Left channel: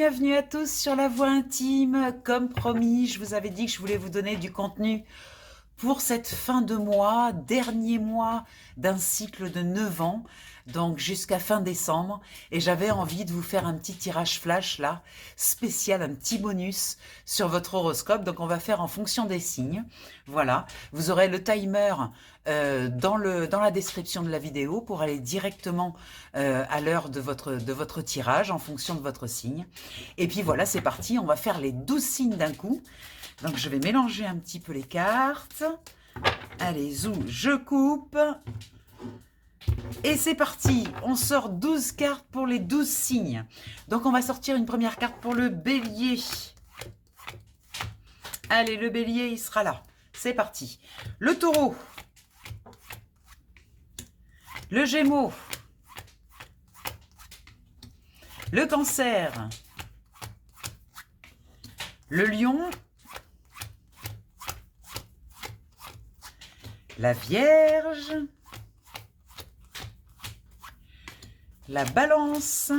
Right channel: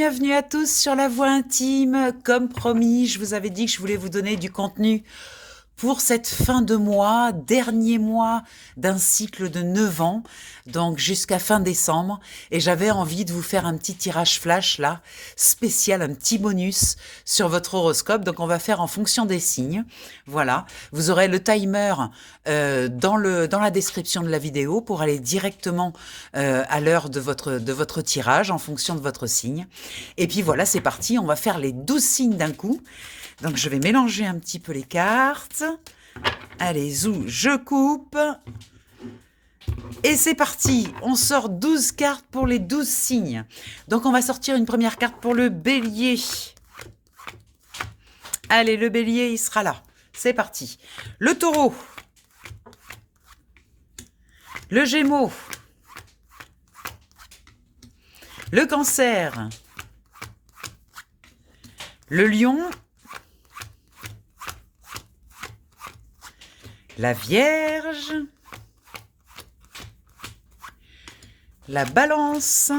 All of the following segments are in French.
bienvenue à tous sur La Voix Intime. Comme promis, je vous avais dit que je voulais vous donner du contenu pour cette fin de mois, dernier mois d'un cycle de 9 ans, donc jusqu'à fin décembre. Et j'avais envie de vous faire un petit tirage flash là, spécial, un petit bonus sur votre horoscope. Donc on va faire en fonction des signes. Voilà, vous aurez le timer dans la description de la vidéo pour aller directement à l'heure de votre tirage en fonction de votre signe. Et puis voilà, c'est parti, on va faire les 12 signes d'un coup. Donc je vais mélanger un petit peu les cartes. Allez, zou, je coupe. Et c'est parti, on sort 12 cartes pour les 12 signes. Donc on va sortir une première carte pour le bélier. Allez, le bélier, il sera là. C'est parti. Le taureau. Le gémeaux. Le cancer. Le lion. La Vierge, la Balance,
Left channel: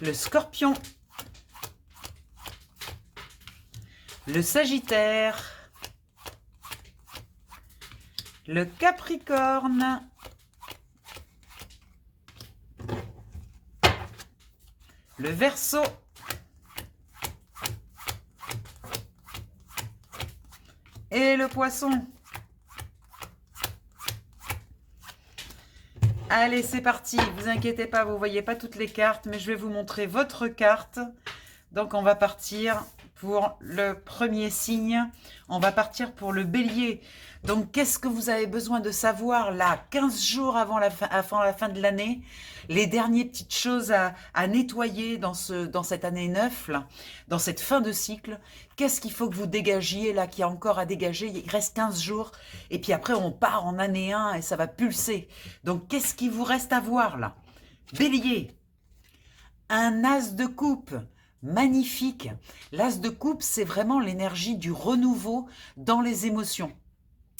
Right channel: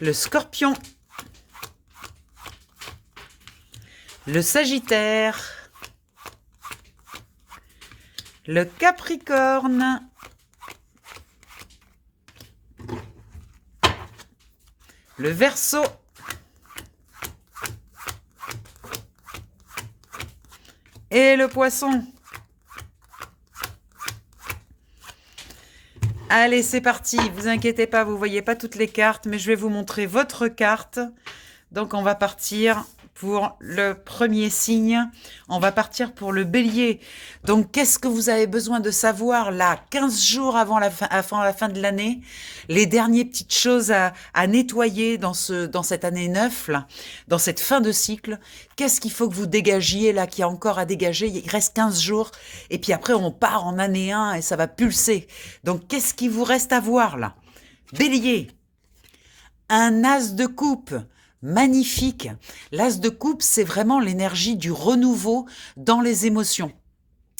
le Scorpion, le Sagittaire, le Capricorne, le Verseau, et le Poisson. Allez, c'est parti. Vous inquiétez pas, vous voyez pas toutes les cartes, mais je vais vous montrer votre carte. Donc, on va partir pour le premier signe. On va partir pour le bélier. Donc, qu'est-ce que vous avez besoin de savoir là, 15 jours avant la fin de l'année? Les dernières petites choses à nettoyer dans cette année 9, là, dans cette fin de cycle. Qu'est-ce qu'il faut que vous dégagiez là, qu'il y a encore à dégager? Il reste 15 jours. Et puis après, on part en année 1 et ça va pulser. Donc, qu'est-ce qu'il vous reste à voir là? Bélier, un as de coupe. Magnifique. L'as de coupe, c'est vraiment l'énergie du renouveau dans les émotions.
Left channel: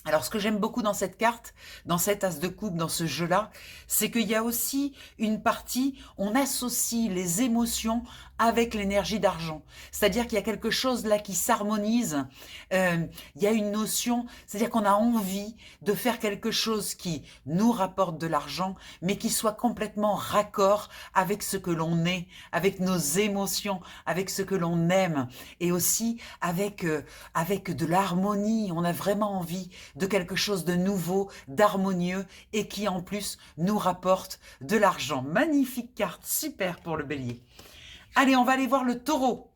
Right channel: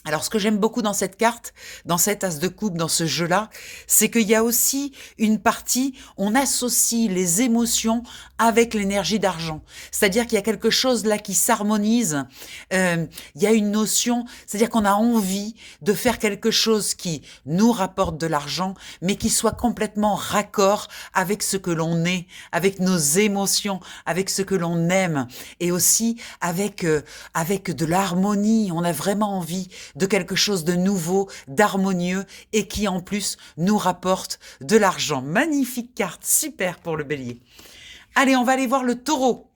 Alors, ce que j'aime beaucoup dans cette carte, dans cet as de coupe, dans ce jeu-là, c'est qu'il y a aussi une partie, on associe les émotions avec l'énergie d'argent. C'est-à-dire qu'il y a quelque chose là qui s'harmonise. Il y a une notion, c'est-à-dire qu'on a envie de faire quelque chose qui nous rapporte de l'argent, mais qui soit complètement raccord avec ce que l'on est, avec nos émotions, avec ce que l'on aime, et aussi avec de l'harmonie. On a vraiment envie de quelque chose de nouveau, d'harmonieux, et qui en plus nous rapporte de l'argent. Magnifique carte, super pour le bélier. Allez, on va aller voir le taureau.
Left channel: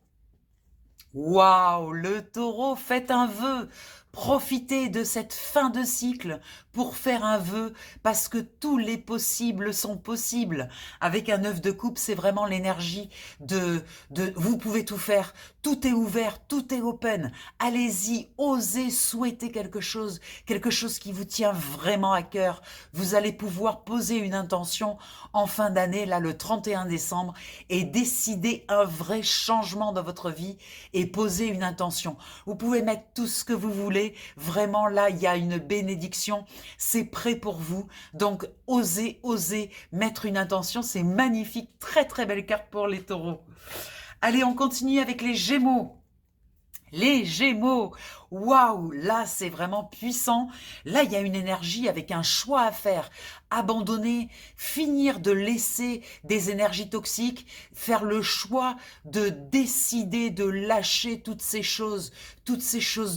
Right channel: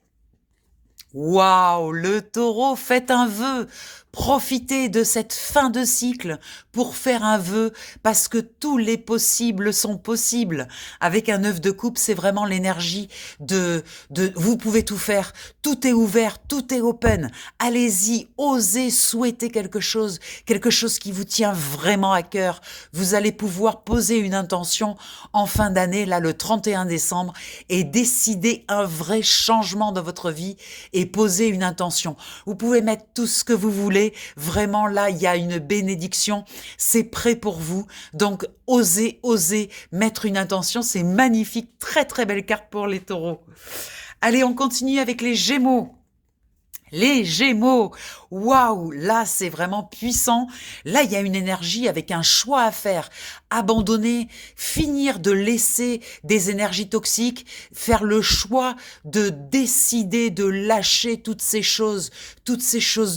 Waouh, le taureau, faites un vœu. Profitez de cette fin de cycle pour faire un vœu, parce que tous les possibles sont possibles. Avec un œuf de coupe, c'est vraiment l'énergie de vous pouvez tout faire. Tout est ouvert, tout est open. Allez-y, osez souhaiter quelque chose qui vous tient vraiment à cœur. Vous allez pouvoir poser une intention en fin d'année, là, le 31 décembre, et décider un vrai changement dans votre vie et poser une intention. Vous pouvez mettre tout ce que vous voulez. Vraiment, là, il y a une bénédiction. C'est prêt pour vous. Donc, osez mettre une intention. C'est magnifique. Très, très belle carte pour les taureaux. Allez, on continue avec les Gémeaux. Les Gémeaux, waouh, là c'est vraiment puissant. Là il y a une énergie avec un choix à faire. Abandonner, finir de laisser des énergies toxiques, faire le choix de décider de lâcher toutes ces choses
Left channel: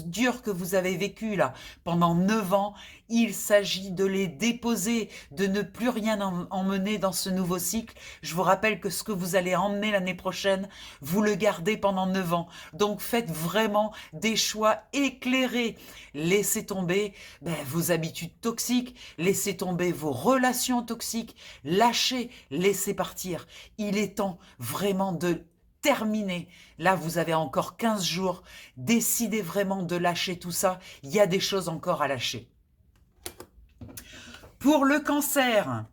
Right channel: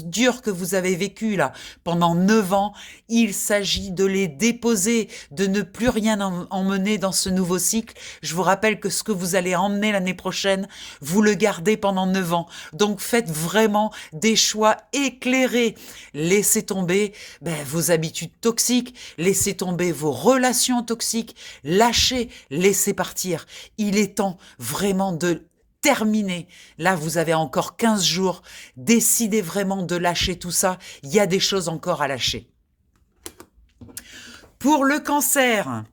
dures que vous avez vécues là pendant 9 ans. Il s'agit de les déposer, de ne plus rien emmener dans ce nouveau cycle. Je vous rappelle que ce que vous allez emmener l'année prochaine, vous le gardez pendant 9 ans. Donc faites vraiment des choix éclairés. Laissez tomber vos habitudes toxiques, laissez tomber vos relations toxiques, lâchez, laissez partir. Il est temps vraiment de terminer. Là, vous avez encore 15 jours. Décidez vraiment de lâcher tout ça. Il y a des choses encore à lâcher. Pour le cancer,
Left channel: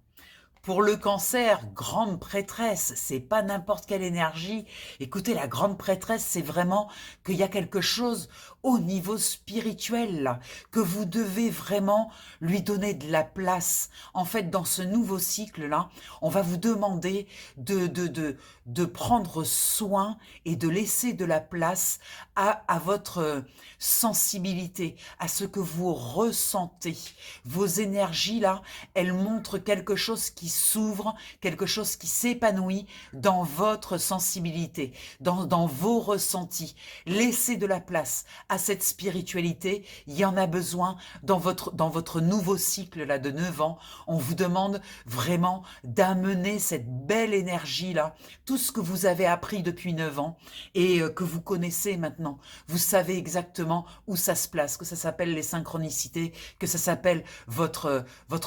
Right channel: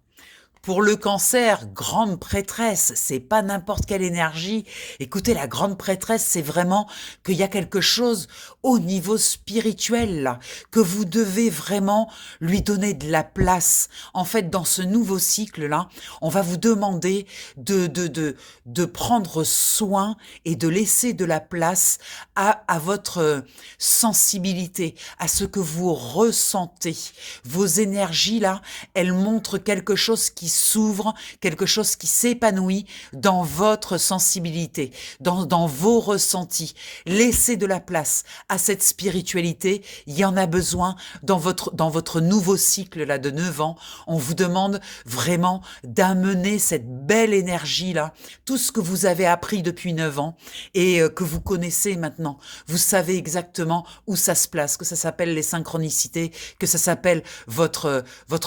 Pour le cancer, grande prêtresse, c'est pas n'importe quelle énergie. Écoutez, la grande prêtresse, c'est vraiment qu'il y a quelque chose au niveau spirituel, là, que vous devez vraiment lui donner de la place. En fait, dans ce nouveau cycle-là, on va vous demander de prendre soin et de laisser de la place à votre sensibilité, à ce que vous ressentez. Vos énergies, là, elles montrent quelque chose qui s'ouvre, quelque chose qui s'épanouit dans votre sensibilité, dans vos ressentis. Laissez de la place à cette spiritualité. Il y en a besoin dans votre nouveau cycle là de 9 ans. On vous demande vraiment d'amener cette belle énergie-là, tout ce que vous avez appris depuis 9 ans et que vous connaissez maintenant. Vous savez exactement où ça se place, que ça s'appelle les synchronicités, que ça s'appelle votre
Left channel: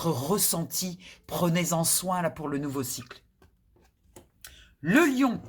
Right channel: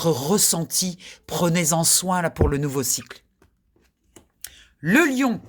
ressenti. Prenez-en soin là pour le nouveau cycle. Le lion.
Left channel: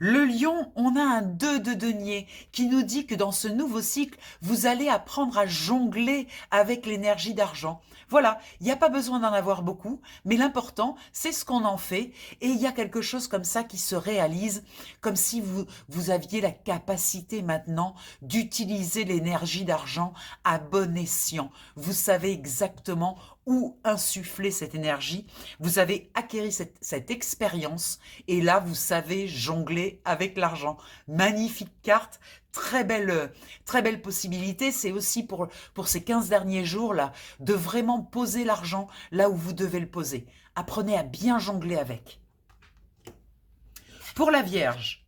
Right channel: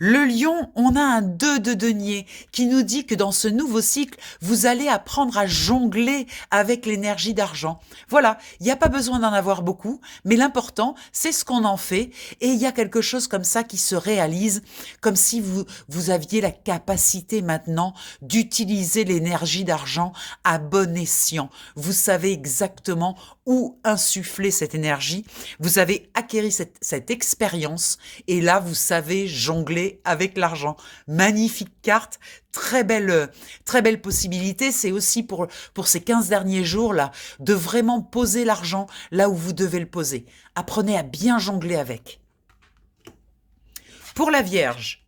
Le lion, on a un 2 de denier qui nous dit que dans ce nouveau cycle, vous allez apprendre à jongler avec l'énergie d'argent. Voilà, il n'y a pas besoin d'en avoir beaucoup, mais l'important, c'est ce qu'on en fait. Et il y a quelque chose comme ça qui se réalise, comme si vous aviez la capacité maintenant d'utiliser l'énergie d'argent à bon escient. Vous savez exactement où insuffler cette énergie. Vous avez acquis cette expérience et là, vous savez jongler avec l'argent. Magnifique carte, très belle possibilité. C'est aussi pour ces 15 derniers jours-là, de vraiment poser l'argent là où vous devez le poser. Apprenez à bien jongler avec. Pour la Vierge,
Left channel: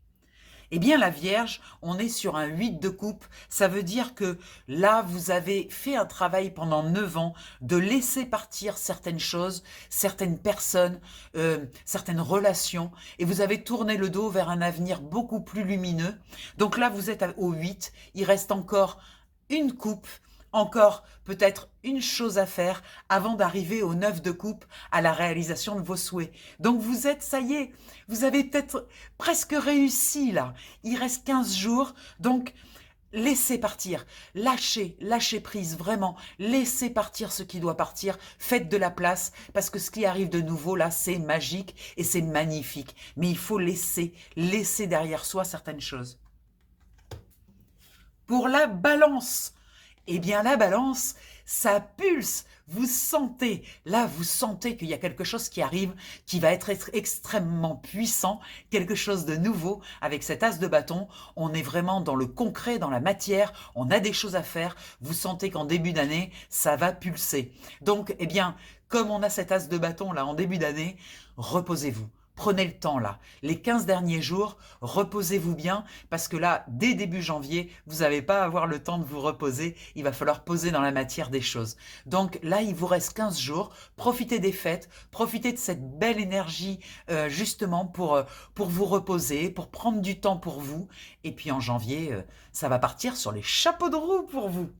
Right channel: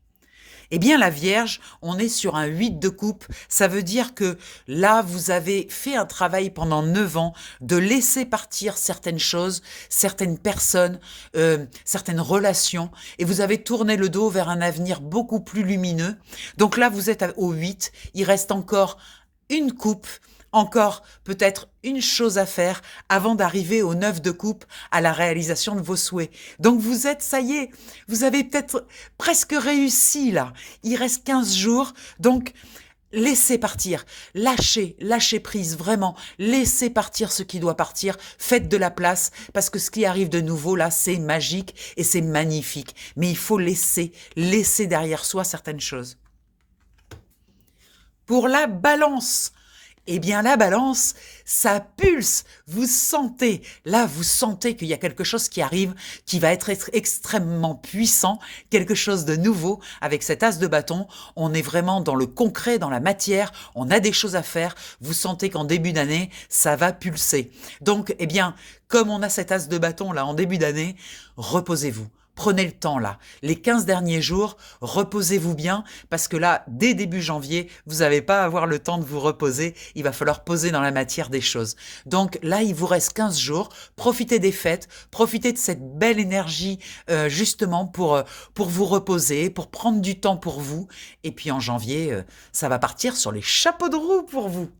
eh bien, la Vierge, on est sur un 8 de coupe. Ça veut dire que là, vous avez fait un travail pendant 9 ans de laisser partir certaines choses, certaines personnes, certaines relations, et vous avez tourné le dos vers un avenir beaucoup plus lumineux. Donc là, vous êtes au 8. Il reste encore une coupe, encore peut-être une chose à faire avant d'arriver au 9 de coupe, à la réalisation de vos souhaits. Donc vous êtes, ça y est, vous avez peut-être presque réussi là. Il reste 15 jours, donc laissez partir, lâchez prise, vraiment, laissez partir ce qui doit partir, faites de la place, parce que ce qui arrive de nouveau là, c'est magique et c'est magnifique. Mais il faut laisser derrière soi certaines choses. Pour la Balance, eh bien, la Balance, ça pulse, vous sentez qu'il y a quelque chose qui arrive, qui va être extrêmement puissant, quelque chose de nouveau. Avec cet as de bâton, on est vraiment dans le concret, dans la matière, on a des choses à faire, vous sentez qu'en début d'année, ça va pulser. Donc, eh bien, comme on a cet as de bâton là en début d'année, reposez-vous. Prenez le temps là, les 15 derniers jours, reposez-vous bien, parce que là, dès début janvier, vous n'allez pas avoir le temps de vous reposer, il va falloir poser dans la matière des choses. Donc là, il vous reste 15 jours, profitez des fêtes, profitez de cette belle énergie justement pour vous reposer, pour prendre du temps pour vous, et puis en janvier, ça va partir sur les chapeaux de roue pour vous.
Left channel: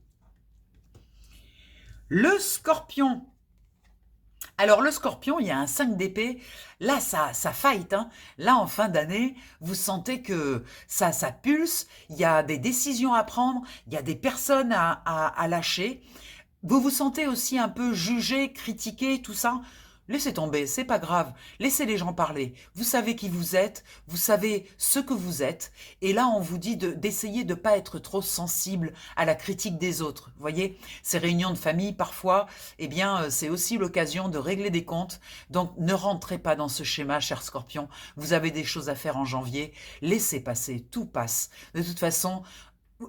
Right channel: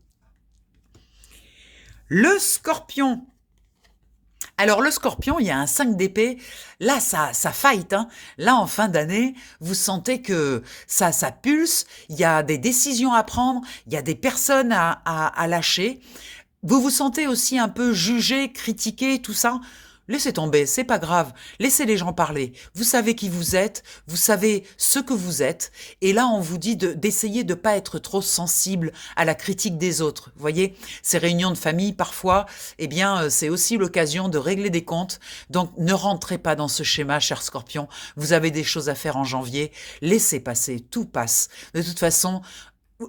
Le Scorpion. Alors le Scorpion, il y a un 5 d'épée, là ça fight, hein. Là en fin d'année, vous sentez que ça pulse, il y a des décisions à prendre, il y a des personnes à lâcher. Vous vous sentez aussi un peu jugé, critiqué, tout ça. Laissez tomber, c'est pas grave, laissez les gens parler. Vous savez qui vous êtes, vous savez ce que vous êtes, et là on vous dit d'essayer de ne pas être trop sensible à la critique des autres. Vous voyez, ces réunions de famille parfois, eh bien c'est aussi l'occasion de régler des comptes, donc ne rentrez pas dans ce schéma, cher Scorpion. Vous avez des choses à faire en janvier, laissez passer, tout passe. De toute façon,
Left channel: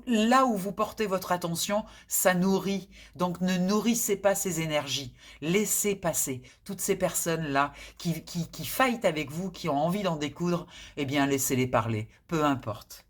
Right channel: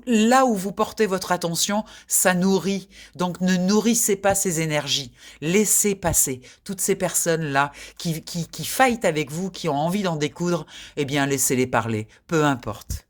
là où vous portez votre attention, ça nourrit. Donc ne nourrissez pas ces énergies. Laissez passer toutes ces personnes-là qui fightent avec vous, qui ont envie d'en découdre, eh bien laissez-les parler, peu importe.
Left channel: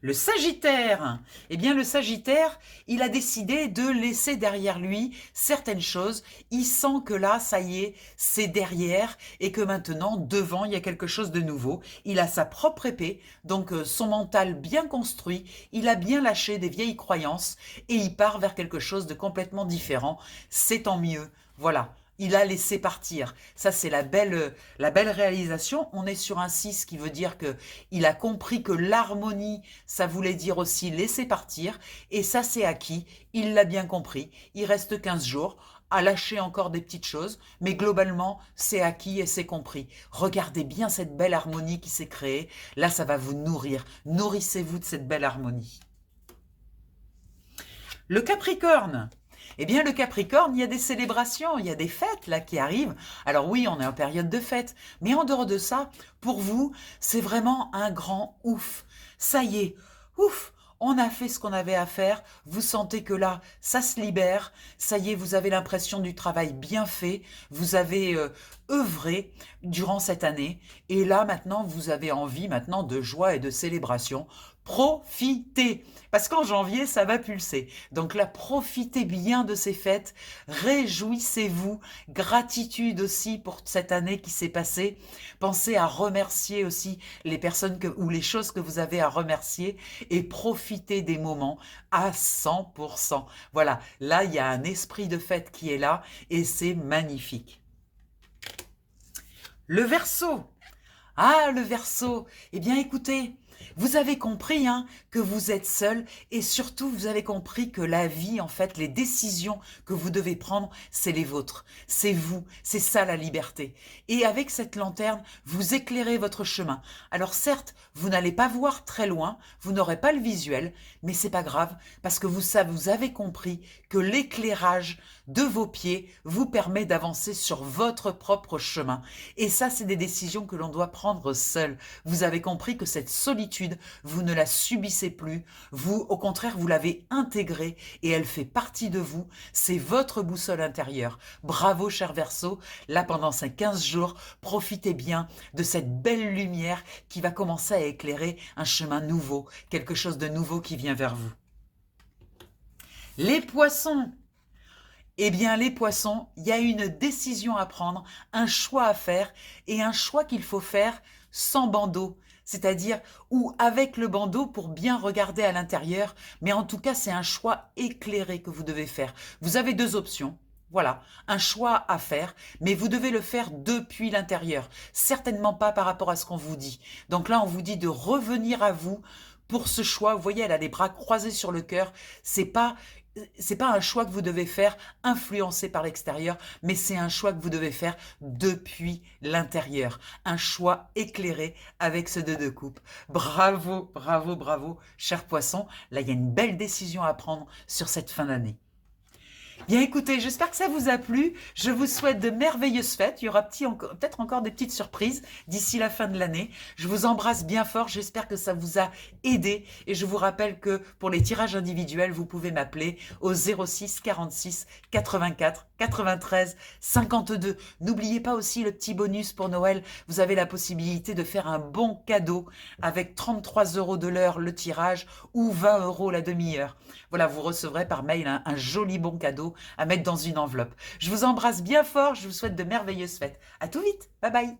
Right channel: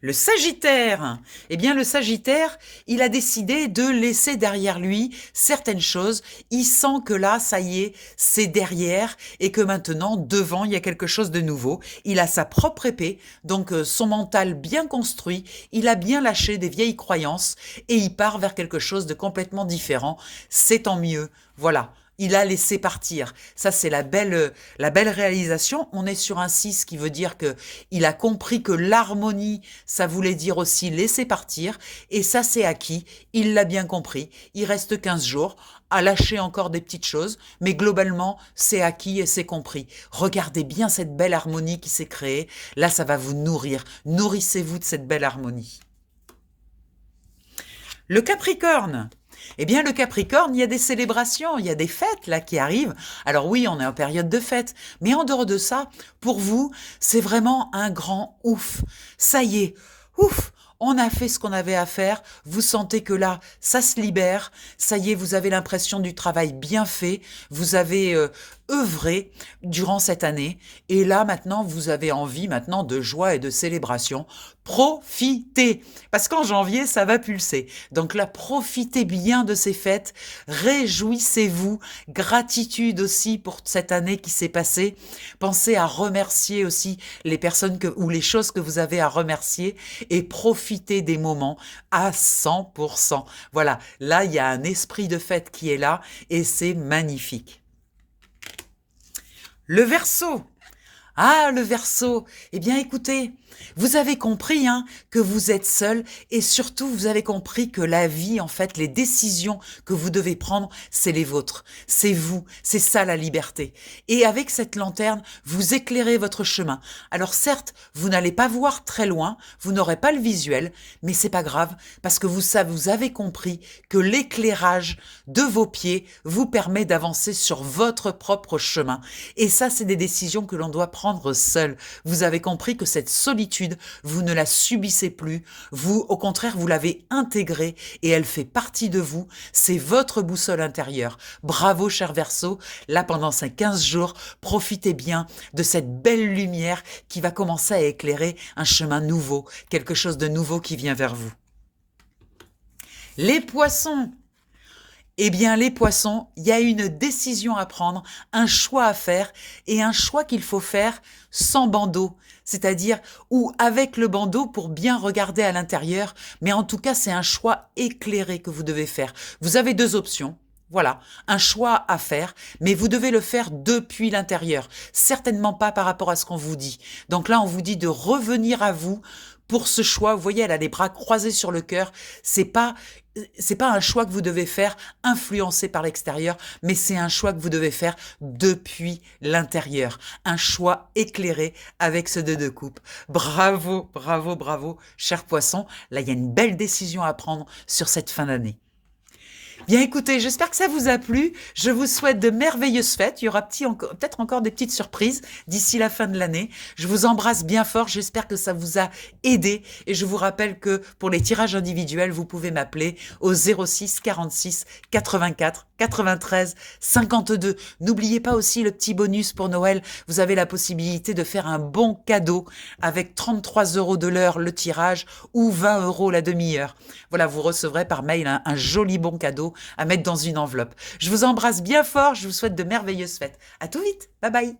Le Sagittaire, eh bien le Sagittaire, il a décidé de laisser derrière lui certaines choses. Il sent que là, ça y est, c'est derrière et que maintenant, devant, il y a quelque chose de nouveau. Il a sa propre épée, donc son mental bien construit. Il a bien lâché des vieilles croyances et il part vers quelque chose de complètement différent. C'est tant mieux. Voilà. Il a laissé partir. Ça, c'est la belle réalisation. On est sur un 6 qui veut dire qu'il a compris que l'harmonie, ça voulait dire aussi laisser partir. Et ça, c'est acquis. Il l'a bien compris. Il reste 15 jours. à lâcher encore des petites choses, mais globalement, c'est acquis et c'est compris. Regardez bien cette belle harmonie qui s'est créée. Là, ça va vous nourrir. Nourrissez-vous de cette belle harmonie. Le Capricorne. Eh bien, le Capricorne, il y a des célébrations, il y a des fêtes là qui arrivent. Alors oui, on est en période de fête, mais en dehors de ça, pour vous, c'est vraiment un grand ouf. Ça y est, ouf, on a fait ce qu'on avait à faire. Vous sentez que là, ça se libère. Ça y est, vous avez l'impression du travail bien fait. Vous avez œuvré durant cette année. Et là, maintenant, vous avez envie maintenant de joie et de célébration. Profitez, parce qu'en janvier, ça va pulser. Donc là, profitez bien de ces fêtes, réjouissez-vous, gratitude aussi pour cette année qui s'est passée. Pensez à remercier aussi les personnes ou les choses que vous avez à remercier et profitez des moments à 100%. Voilà, là, il y a un esprit de fête qui est là et c'est magnifique. Le Verseau. Ah, le Verseau. Eh bien, écoutez, vous avez compris que vous êtes seul et surtout, vous avez compris que la vie, en fait, les décisions que vous devez prendre, c'est les vôtres. C'est vous. C'est ça, la liberté. Et avec cette lanterne, vous éclairez votre chemin. Alors certes, vous n'allez pas voir très loin, vous n'aurez pas le visuel, mais c'est pas grave parce que vous avez compris que l'éclairage de vos pieds vous permet d'avancer sur votre propre chemin. Et ça, c'est des décisions que l'on doit prendre seul. Vous avez compris que cette solitude, vous ne la subissez plus. Vous, au contraire, vous l'avez intégrée et elle fait partie de vous. C'est votre boussole intérieure. Bravo, cher Verseau. Là, pendant ces 15 jours, profitez bien de cette belle lumière qui va commencer à éclairer un chemin nouveau, quelque chose de nouveau qui vient vers vous. Les Poissons. Eh bien, les poissons, il y a une décision à prendre, un choix à faire et un choix qu'il faut faire sans bandeau, c'est-à-dire ou avec le bandeau pour bien regarder à l'intérieur, mais en tout cas, c'est un choix éclairé que vous devez faire. Vous avez deux options. Voilà, un choix à faire, mais vous devez le faire depuis l'intérieur, certainement pas par rapport à ce qu'on vous dit. Donc là, on vous dit de revenir à vous pour ce choix. Vous voyez, elle a les bras croisés sur le cœur. C'est pas un choix que vous devez faire influencé par l'extérieur, mais c'est un choix que vous devez faire depuis l'intérieur. Un choix éclairé avec ce 2 de coupe. Bravo, bravo, bravo, cher poisson. Là, il y a une belle décision à prendre sur cette fin d'année. Bien écoutez, j'espère que ça vous a plu. Je vous souhaite de merveilleuses fêtes. Il y aura peut-être encore des petites surprises d'ici la fin de l'année. Je vous embrasse bien fort. J'espère que ça vous a aidé. Et je vous rappelle que pour les tirages individuels, vous pouvez m'appeler au 06 46 84 93 52. N'oubliez pas aussi le petit bonus pour Noël. Vous avez la possibilité de faire un bon cadeau avec 33 € de l'heure le tirage ou 20 € la demi-heure. Voilà, vous recevrez par mail un joli bon cadeau à mettre dans une enveloppe. Je vous embrasse bien fort, je vous souhaite de merveilleuses fêtes. À tout vite, bye bye.